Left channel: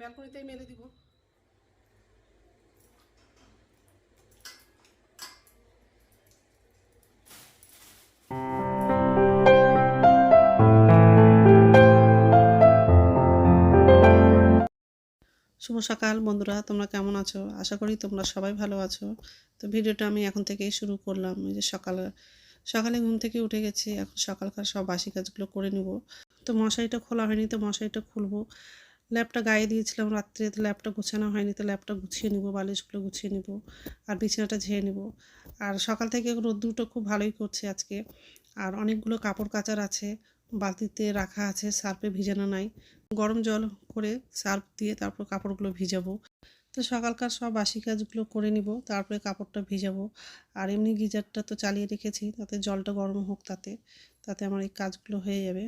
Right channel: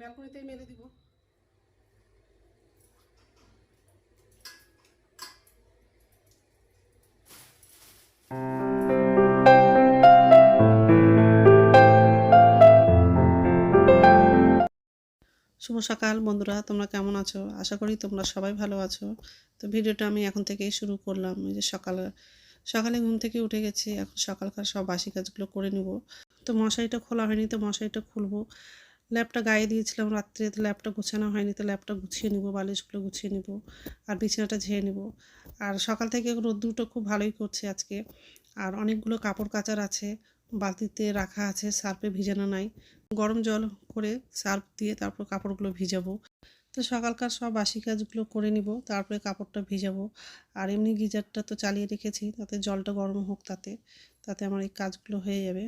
ব্যালকনিতেই মেলে দিব। শুভ সকাল বন্ধুরা, তোমরা কেমন আছো? আশা করি তোমরা সবাই ভালো আছো। তো ভিডিওটা আমি এখন থেকেই শুরু করলাম। যে সকালে সকালে ঘুম থেকে উঠে গেছি, এখন সকালকার সব বাসি কাজগুলো করে নিব। তো মশারিটা খোলা হয়নি তো মশারিটা খুলবো। ল্যাপটা গায়ে দিয়েছিলাম রাত্রে, তো ল্যাপটা গুছানো হয়নি তো ল্যাপটা গুছিয়ে নিব, বালিশগুলো গুছিয়ে নিব আর বিছানাটা ঝেড়ে নিব। আর সকাল থেকে রোদ্দুরটা খুব ভালোই করছে আজকে। আর অনেকগুলো কাপড় কাচার আছে, বালতিতে রাখা আছে, সার্ফে ভিজানো নাই। গরম জল করে সার্ফ দিয়ে তারপর কাপড়গুলো ভিজাবো। তো সকালকার সব বাসি কাজগুলো করে নিব, তারপরে কাপড়টা ভিজাবো। আর এমনি গিজারটা তো চালিয়ে রেখেছি, তাতে জলটা গরম হোক তাতে তাতে আমার এই কাজগুলো হয়ে যাবে।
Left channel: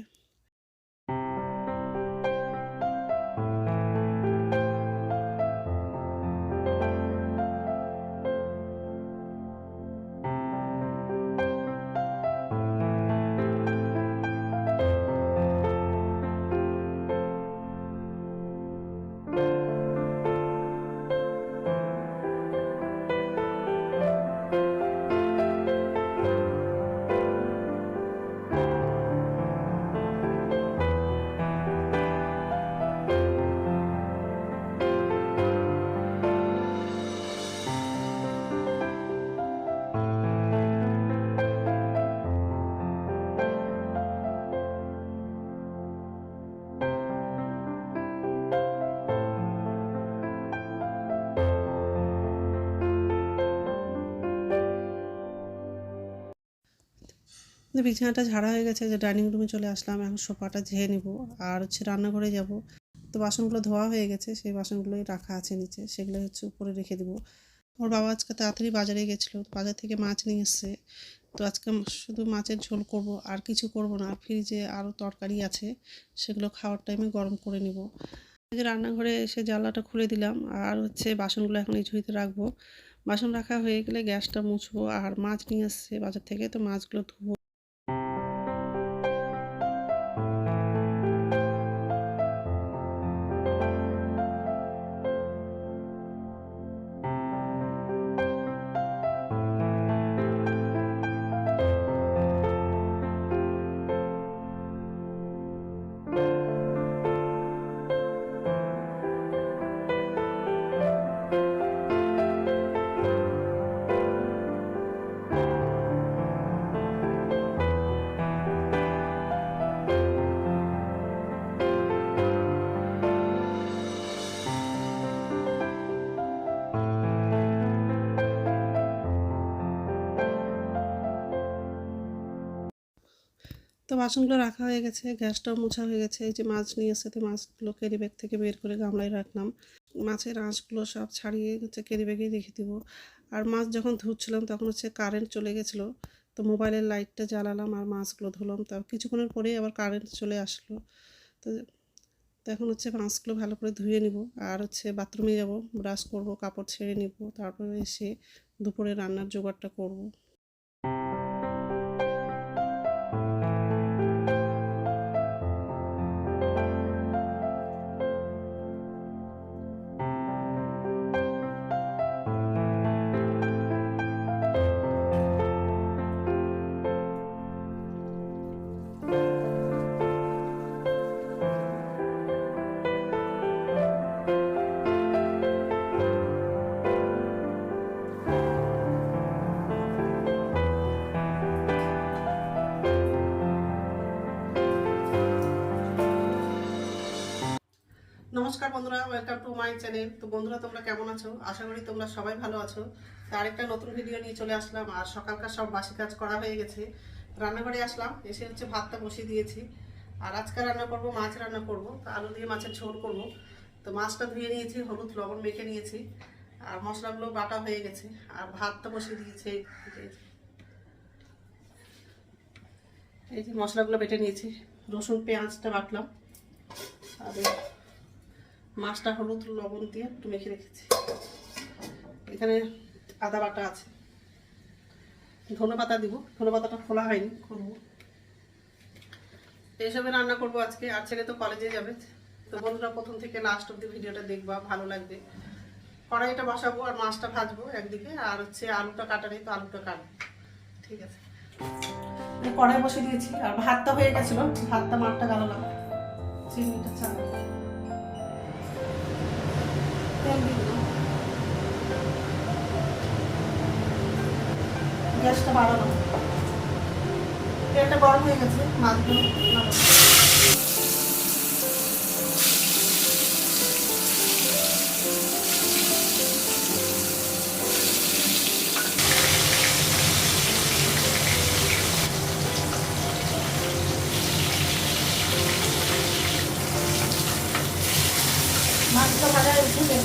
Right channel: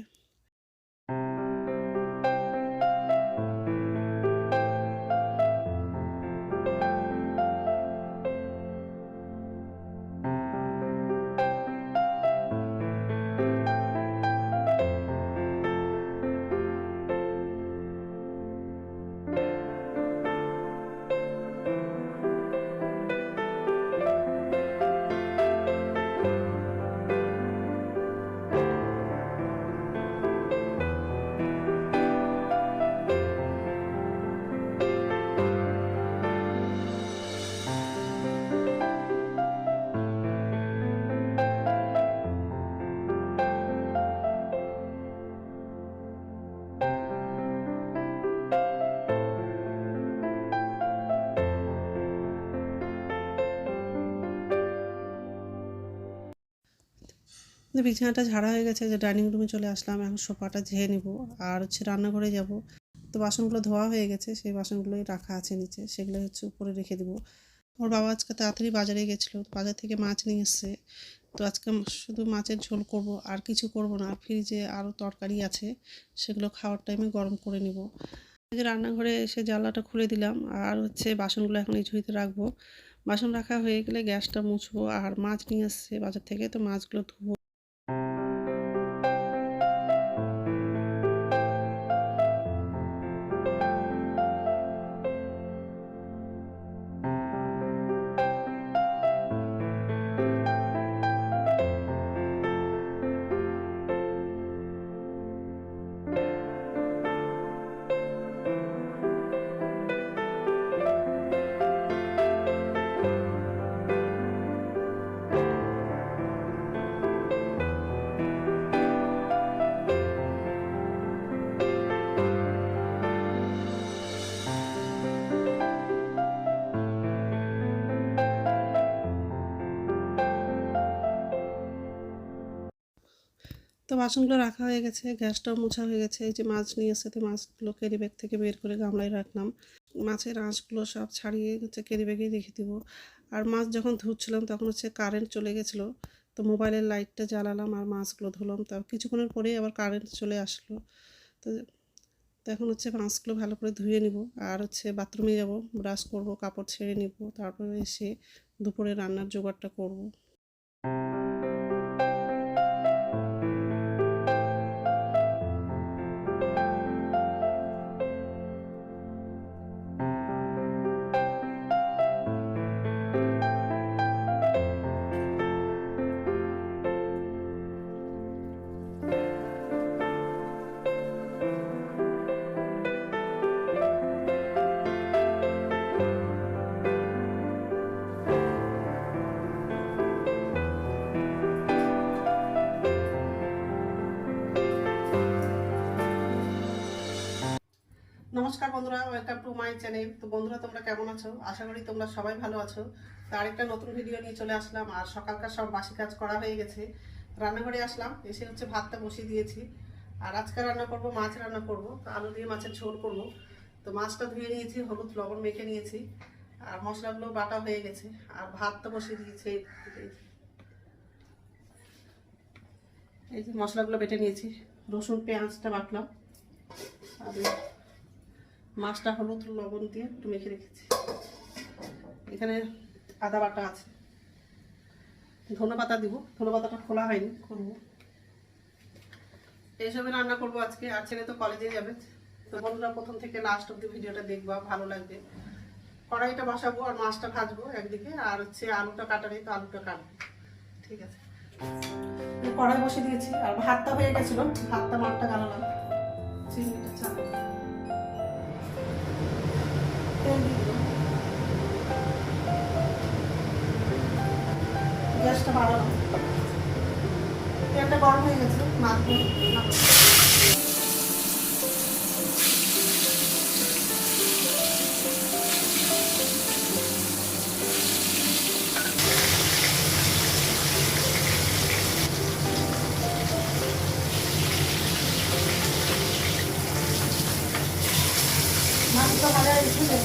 তো বিছানাটা ঝাড়া হয়ে গেছে যে ডাইনিং রুমে চলে আসলাম, এখন সোফাটা ঝেড়ে নিব। আর হচ্ছে রান্নাঘরে যাব। তো বাসনগুলো ধোয়া হয়ে গেছে, সেই বাসনগুলোই রাখা আছে নিচে সেগুলো হচ্ছে উপরে রেখে দিব। ওর বাবা আজকে তাড়াতাড়ি বাজারে গেছিল বাজার থেকে মাছ নিয়ে এসছে। তো আজকে শুধু মাছের ঝোল করব, আর কিছু করব না। ফ্রিজে আরও তরকারি আছে, সেগুলো খাওয়ার টাইমে গরম করে নিব। যে রান্নাঘরে এসে জানলাটা খুলে দিলাম, আর হচ্ছে বাসনগুলো এখন এই ঝুড়িতে রাখব। বাসন রাখা হয়ে গেলে গ্যাসটা মুছবো, আর মাছ নিয়ে আসছে বাজার থেকে, তো মাছগুলো ধুবো। তো বাসনগুলো রাখা হয়ে গেছে, গ্যাসটাও মোছা হয়ে গেছে, এই যে মাছ নিয়ে এসে মাছগুলো ক্যারি ব্যাগ থেকে বের করে গামলায় রাখলাম। মাছের আঁশগুলো সব ছাড়িয়ে হচ্ছে ক্যারি ব্যাগে রেখে দিব। আর মাছ যখন ধুচ্ছিলাম তখন হচ্ছে কারেন্ট চলে গেছিল, তো মোবাইলের লাইটটা জ্বালালাম আর মাছগুলো ধুলাম। তার কিছুক্ষণের পরেই আবার কারেন্ট চলে আসলো। তো তো এখন হচ্ছে মাছগুলো ভালো করে ধুয়ে নিব আর হচ্ছে বাথরুমে যাব ব্রাশ করব, কাপড় ছেড়ে নিব, তারপরে এসে দুপুরে রান্নার জোগাড়টা করব। নমস্কার বন্ধুরা ওয়েলকাম টু মাই চ্যানেল তো বন্ধুরা, তোমরা কেমন আছো? আশা করি তোমরা সবাই ভালো আছো। তো আরেকটা নতুন ভিডিও নিয়ে চলে আসলাম। আর সকালকার সব বাসি কাজ করা হয়ে গেছে। রান্নাঘরে আসলাম, এসে হচ্ছে ভাতটা বসিয়ে দিয়েছি। আর আজকে রান্না করব, মাছ রান্না করব। তো আলু দিয়ে মাছের ঝোল করব। তো মাছটা ধুয়ে নিয়েছি, হলুদ লবণ মেখে নিয়েছি। আর মশলাগুলো বাটা হয়ে গেছে। আর ভাতটা বসিয়ে দিয়েছি। এই যে- মশলাগুলো বেটে নিয়েছি। রসুন, পেঁয়াজটা বাটলাম আর মাছটা হলুদ, লবণ দিয়ে একটু মেখে রেখেছি। এখানে আদা বাটা আছে। ধনে পাতা দিব। ধনে পাতাটা খোলা হয়নি খুলবো এইসবই রান্না করব আজকে। আর ছেলে তো কলেজে যাবে। তো বন্ধুরা, প্রথম থেকে লাস্ট অব্দি ভিডিওটা দেখবা, ভালো লাগবে। কড়াইটা বসাবো আর মাছটা ভাজবো একদিকে। আর হচ্ছে আলুটা কাটা নেই, তো আলুটা কাটবো। ঠিক আছে। কড়াই বসে দিয়েছি। আর ভাতটা হয়ে গেছিল। ভাতটা মাঠটা গালালাম চিংড়িটা চাল। গ্যাসটা বাড়ানো তেলটা গরম হয়ে গেছে মাছগুলো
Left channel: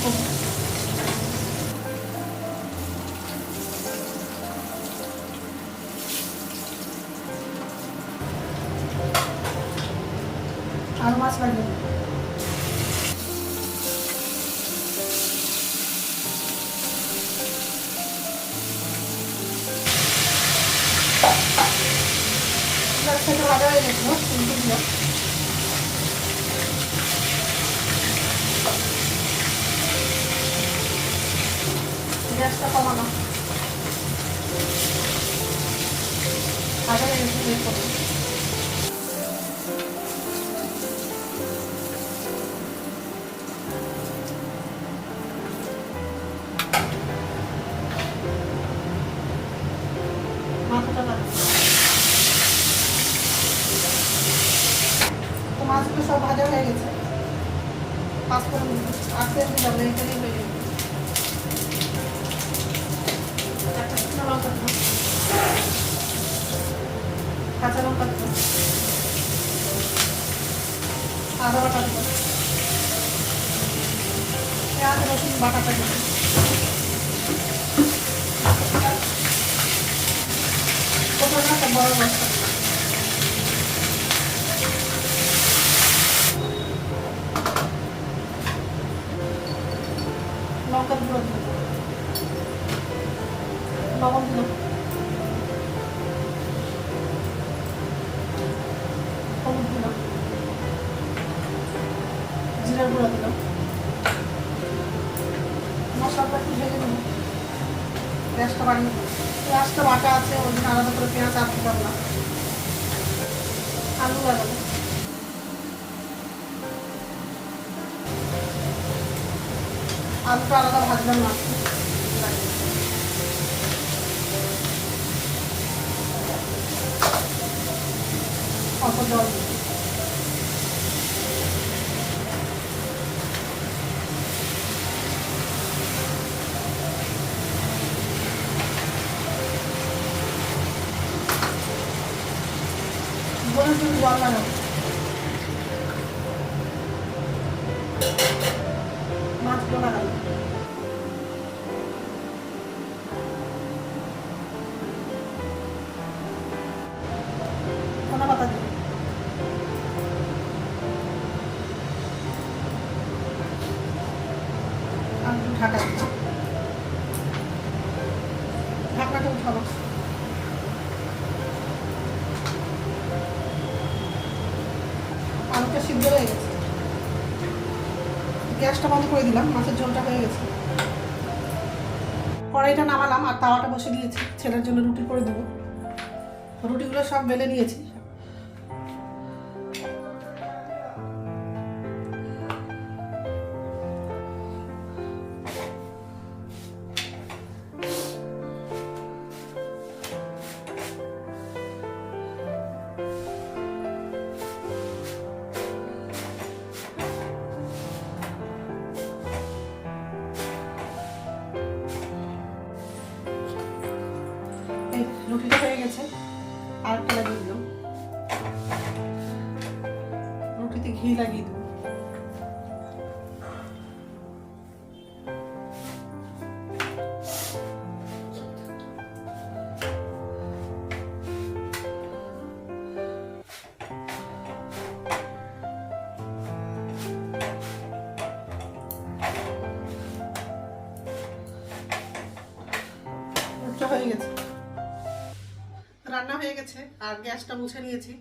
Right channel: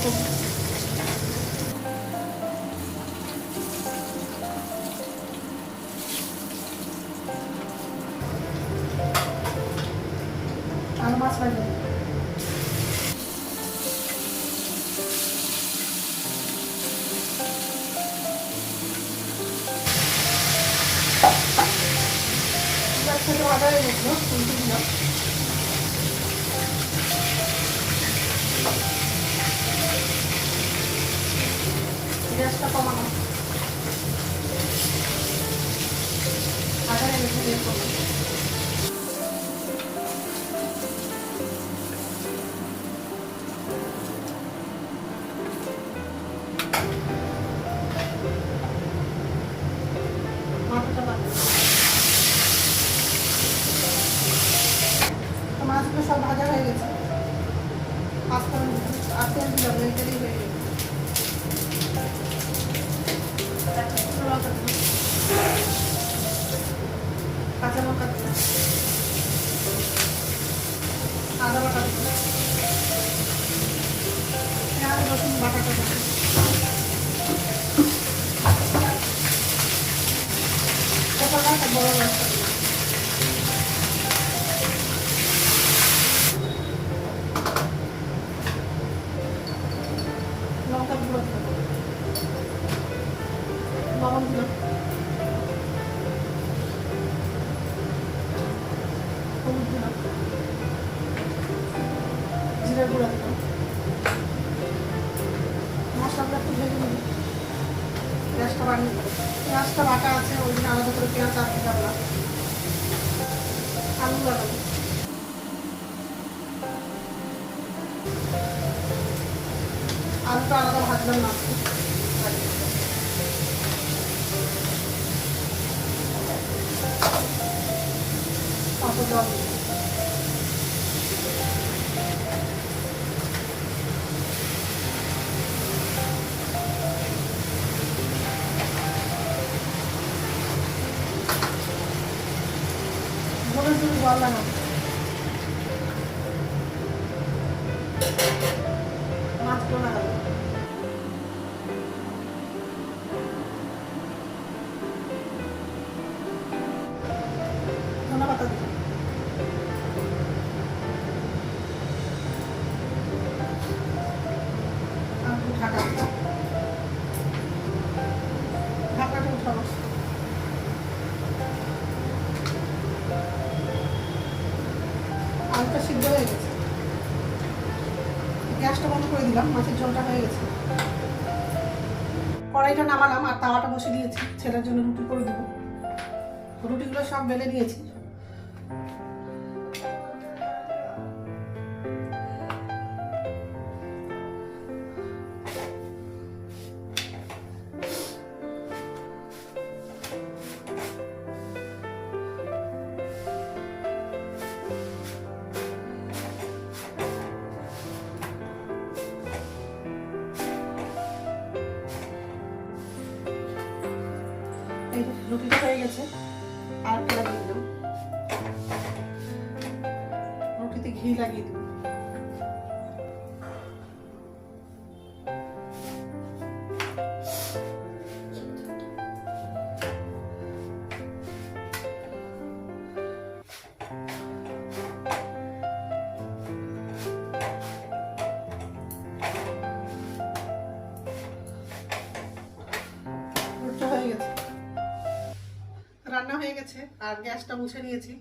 একটু দেখুন আর মাছ ভাজা মাছটা ভাজা হয়ে গেছে তুলতে দিলাম গ্যাসটা কমানো ভাজা হয়ে গেছে বের করব মাথাটা কাটো তো মাছগুলো সব ভাজা হয়ে গেছে পাঁচফোড়ন আর তেল দিলাম না এটাই হয়ে গেছে একটা শুকনো লঙ্কা কাঁচা লঙ্কা। আদা বাটা দিলাম। পেঁয়াজ রসুন বাটাটা দিলাম। আলুটা আলাদা ভাজলাম না অত গ্যাসটা বন্ধ করে দিলাম, মাছের ঝোলটা হয়ে গেছে। কড়াইটা নামালাম আর তাওয়াটা বসে দিয়েছি। ছেলের জন্য রুটি করে দেবো। রুটিগুলো সব বেলে নিয়েছি। রুটিটা হয়ে গেছে। আর রুটিতে ঘি হয়ে গেছে। রান্না হয়ে গেছে, আর গ্যাসটা মুছে নিয়েছি।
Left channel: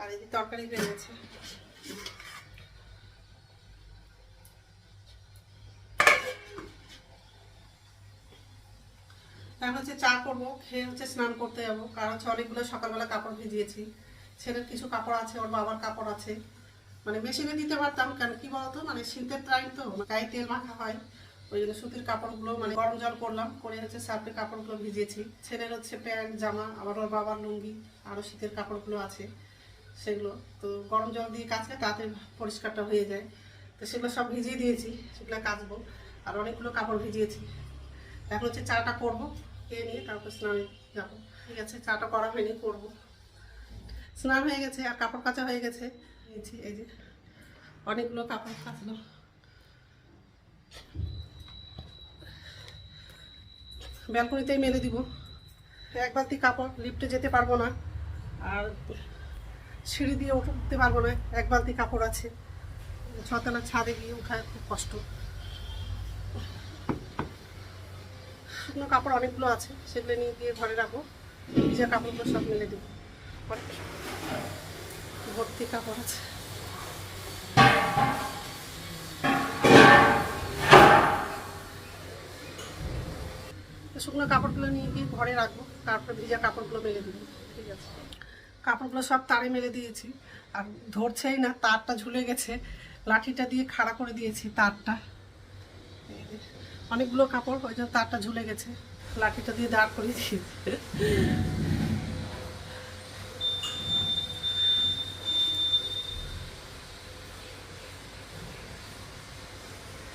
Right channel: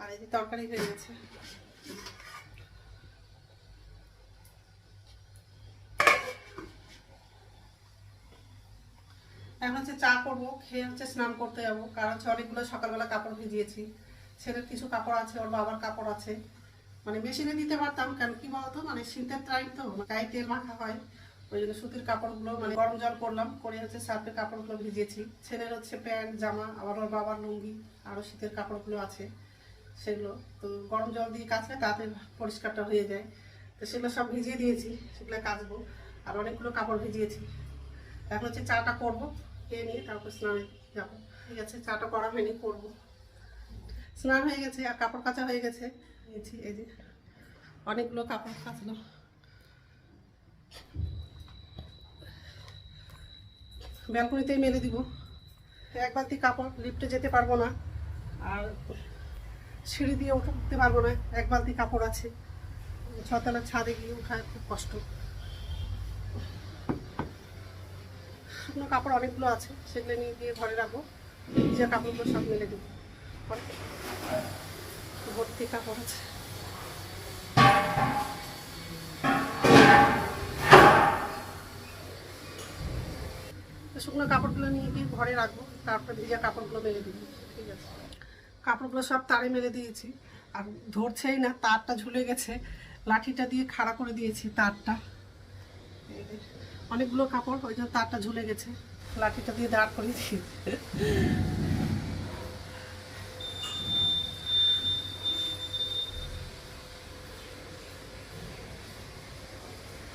আর এই তরকারি হয়ে গেছে। এখন হচ্ছে চা করব, খেয়ে হচ্ছে স্নান করতে যাব, কারণ হচ্ছে অনেকগুলো সকালবেলা কাপড় ভিজিয়েছি। ছেলের কিছু কাপড় আছে, ওর বাবার কাপড় আছে। মানে মেশিনে দিতে পারতাম, কেন কি বলতো? মানে শীতের টাইম তো, গায়ে তেল মাখা হয়। ওই জন্য সুতির কাপড়গুলো মানে গরম জল করলাম, করে হচ্ছে সার্ফে কাপড়গুলো ভিজিয়েছি। ছেলের হচ্ছে প্যান্ট, জামা, আবার ওর বাবার লুঙ্গি আরও শীতের কাপড়গুলো আছে সেগুলো। তো গরম জল দিয়ে কাচলে তাতে পরিষ্কারটা হয়ে যায়। তো সেগুলো সব ভিজিয়ে দিয়েছি, সেগুলো কাচবো। আর অনেকগুলো কাপড় ভিজিয়েছি। এখন হচ্ছে চাটা করব, খেয়ে নিয়ে তারপর স্নানে যাব। ঠিক আছে, চাটা করা হয়নি, করব। স্নান হয়ে গেছে, আর কাপড় কাচা হয়ে গেছে। এই যে- এই যে, অনেকগুলো কাপড় কাচলো ব্যালকনিতেই মেলে দিব। এক বালতি কাপড় লিফটে যেতে পারব না। আর সিঁড়ি দিয়ে উঠতে পারব না, এক বালতি কাপড় আছে। ছতলার ছাদে গিয়ে উঠায় খুব কষ্ট। শুকনো কাপড় অনেকগুলো আছে, সেগুলো নিয়ে গিয়ে ঘরে রাখব। ভিজা কাপড়গুলো সব মেলে দেবো। ভর্তি কাপড় আছে। শুকনো কাপড়গুলো নিয়ে গিয়ে ঘরে রাখব, তারপরে ভিজা কাপড়গুলো মেলে দিব, ঠিক আছে? কাপড়গুলো সব তারে মেলে দিয়েছি, আর ধরছেই না, তারটা ঝুলে গেছে, লাঠিটা দিয়ে খাড়া করে দিয়েছি তারটা। অনেকগুলো কাপড়, ওই জন্য তারটা ঝুলে গেছে, লাঠিটা দিয়ে দাঁড় করে দিয়েছি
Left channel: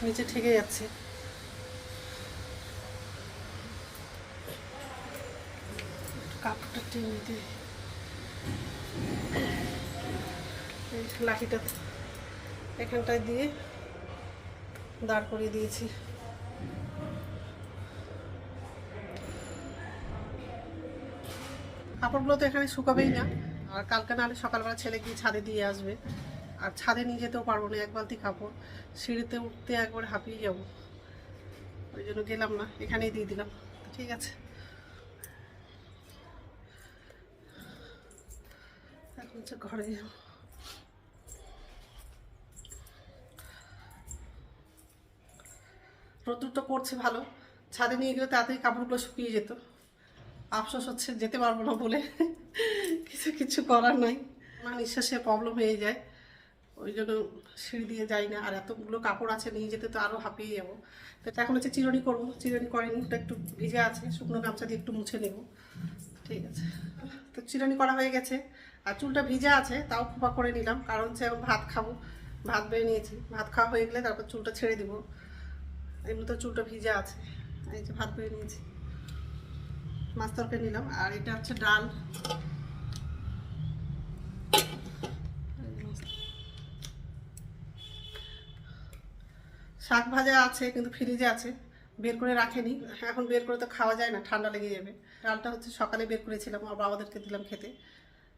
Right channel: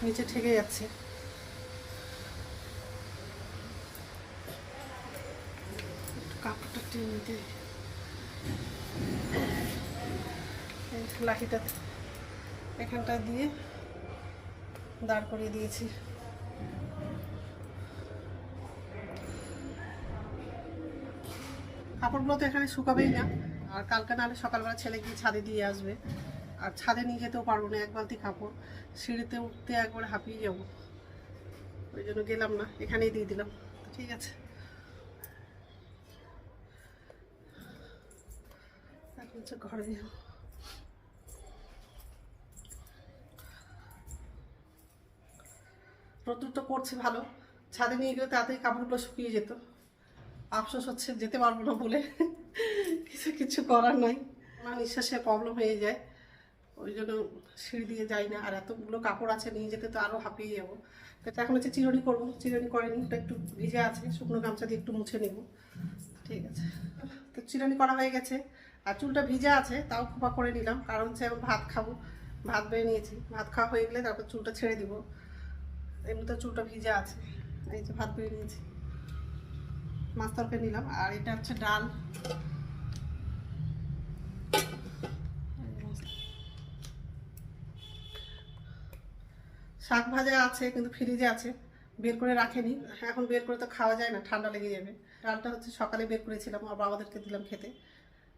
নিচে ঠেকে যাচ্ছে। কাপড়টা টেনে দিই এই লাঠিটা এখানটায় দিয়ে দাঁড় করিয়ে দিয়েছি। কাপড়গুলো তো এখানে শুকাবেই না। আর কালকে নাহলে সকালবেলা ছেলে গিয়ে ছাদে দিয়ে আসবে। আর ছাদে নিয়ে যেতেও পারব না এক বালতি কাপড়। সিঁড়িতে উঠতে একবার হাঁপিয়ে যাব। ওই জন্য গেলাম না, এখানেই দিয়ে দিলাম। ঠিক আছে এখন হচ্ছে ঘরে রোদ্দুর তো পড়ছে ভালো। ছাদে নিয়ে গেলে তাড়াতাড়ি কাপড়গুলো শুকিয়ে যেত। আফসোস হচ্ছে যেতে পারব না বলে। কিছু কিছু করার নাই। আমার নিঃশ্বাসে প্রবলেম হয়ে যায়। ওই জন্য সিঁড়ি দিয়ে যাই না। আর এতগুলো কাপড় আছে, নিয়ে যেতে তো আরও হাঁপিয়ে যাব। তো এখন হচ্ছে চিরনি করব। চিরনি করেনি ওটা একটু ভিজে আছে। শুকনো গামছা দিয়ে একটু মুছে নেব। ঠিক আছে। তো চিরনি করা হয়ে গেছে। আর চুলটা ভিজা আছে, তাও খোপা করে নিলাম, কারণ হচ্ছে এখন ভাত খাব। ভাত বেড়ে নিয়েছি, ভাত খাওয়া হয়ে গেলে তারপর চুলটা ছেড়ে দিব। এমনি তো চুলটা ভিজা আছে, এই যে ভাত বেড়ে নিয়েছি। মাছ তরকারি নিলাম, আর এটা হচ্ছে ডাল। শাক ভাজা আছে, কিন্তু ফ্রিজে আছে, বের করে রাখেনি। এখন বের করে তো খাওয়া যায় না, ঠান্ডা লেগে যাবে। ডালটা হচ্ছে সকালে বের করেছিলাম আর বাবাদেরকে দিলাম খেতে।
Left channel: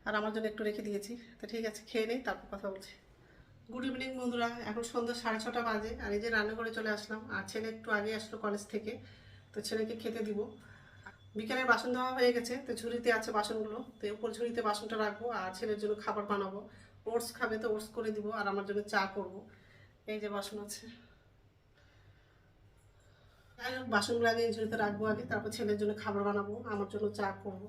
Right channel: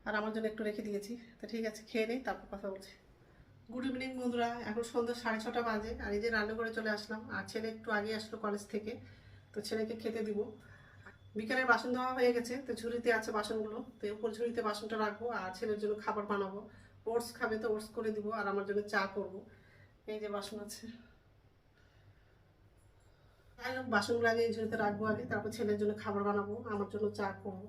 আর আমার জন্য একটু রেখে দিয়েছি। তো ঠিক আছে, খেয়ে নেই তারপর কথা বলছি। গুড ইভিনিং বন্ধুরা। এখন সন্ধ্যা সাড়ে ছটা বাজে, আর এই যে রান্না করে চলে আসলাম, আর ছেলে একটু আগে আসলো কলেজ থেকে, তো ছেলেকে খেতে দিব। বিকেলের বাসন ধোয়া হয়ে গেছে, তো ঝুড়িতে আছে বাসনগুলো, তো উপর ঝুড়িতে বাসনটা রাখব, আর ছেলের জন্য খাবার বানাবো। ওটস খাবে তো ওটস করে দিব, আর আমার জন্য চা করব। এই যে বাসন আছে। যাই হোক, বাসনগুলো আগে ঝুড়িতে রাখব আগে, তারপর ছেলের জন্য খাবার বানাবো, আমার জন্য চা করব।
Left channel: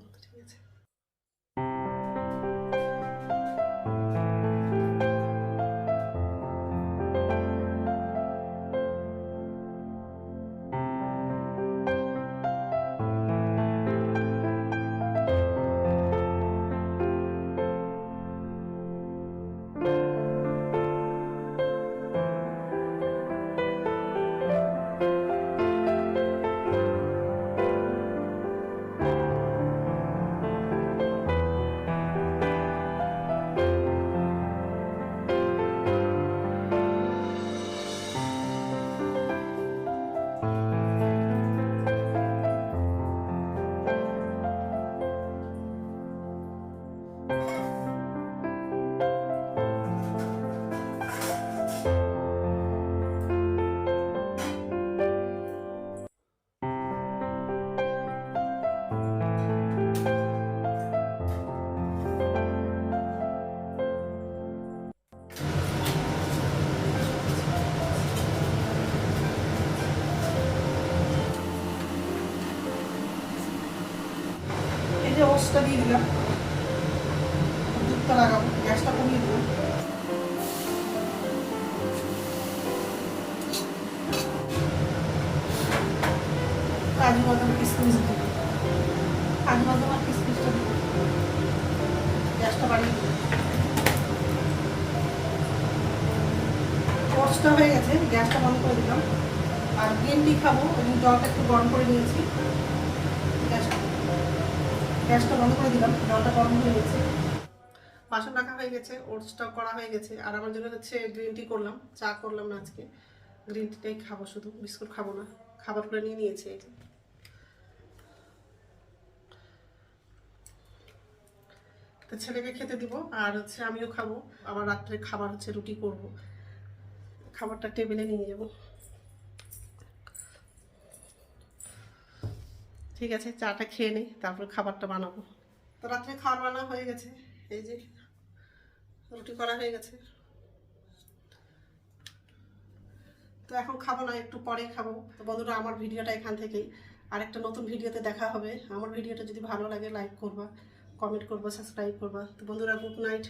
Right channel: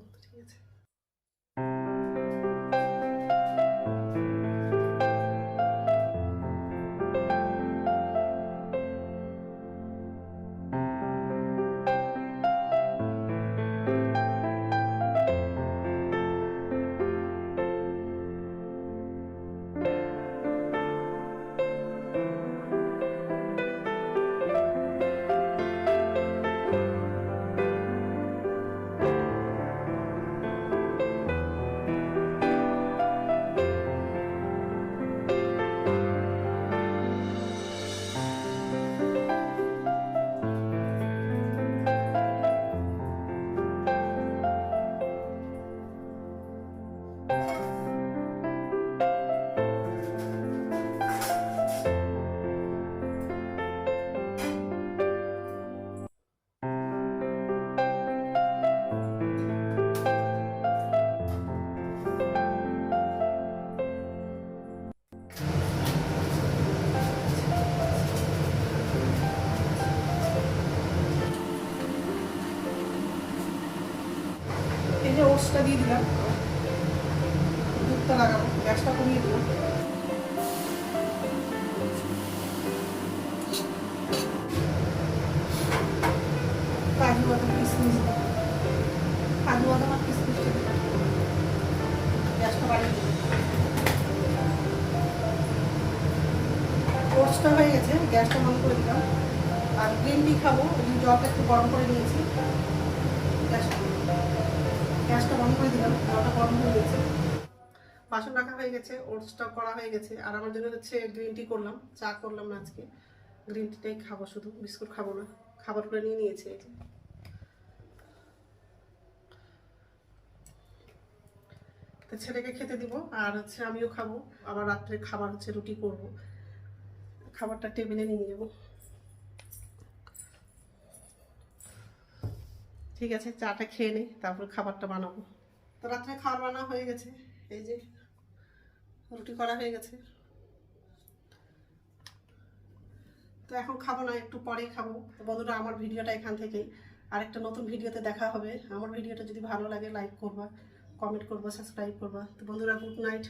ওটসটা দিয়ে দিলাম। দুধটা লাগাবো, গ্যাসটা কমিয়ে দিলাম। আর গ্যাসটা হয়ে গেছে, গ্যাসটা বন্ধ করে দিলাম। আর গ্রিন টি খাব জলটা একটু গরম করে নিয়েছি। গ্যাসটা বন্ধ করে দিলাম, জলটা গরম হয়ে গেছে। বাসন রাখা হয়ে গেছে ওটসটা করা হয়ে গেছে। আর আমার জন্য হচ্ছে গ্রিন টি করলাম, চা করলাম না আজকে। গ্রিন টিটাই খাব শুধু, বিস্কুট খাব না, খাবার করে নিয়ে নিয়েছি। তো ছেলেকে খেতে দিব, আর হচ্ছে আমিও খাব। আবার রাত্রে খাবার হচ্ছে রুটি করব। খাবারটা টেবিলে নিয়ে যাব। ঠিক আছে, চাটা খেয়ে নিই তারপরে খাবারটা বানাবো। তো রাত্রে খাবার বানা হয়ে গেছে, এই যে রুটি করা হয়ে গেছে। তো এখন খাব না, একটু পরেই খাব। তো বন্ধুরা, আমার ভিডিওটা এখান থেকেই। আরেকটা নতুন ভিডিওতে দেখা হবে। আমার ভিডিওটা যদি ভালো লাগে লাইক করবা কমেন্ট করবা সাবস্ক্রাইব করবা। তো বন্ধুরা গুড নাইট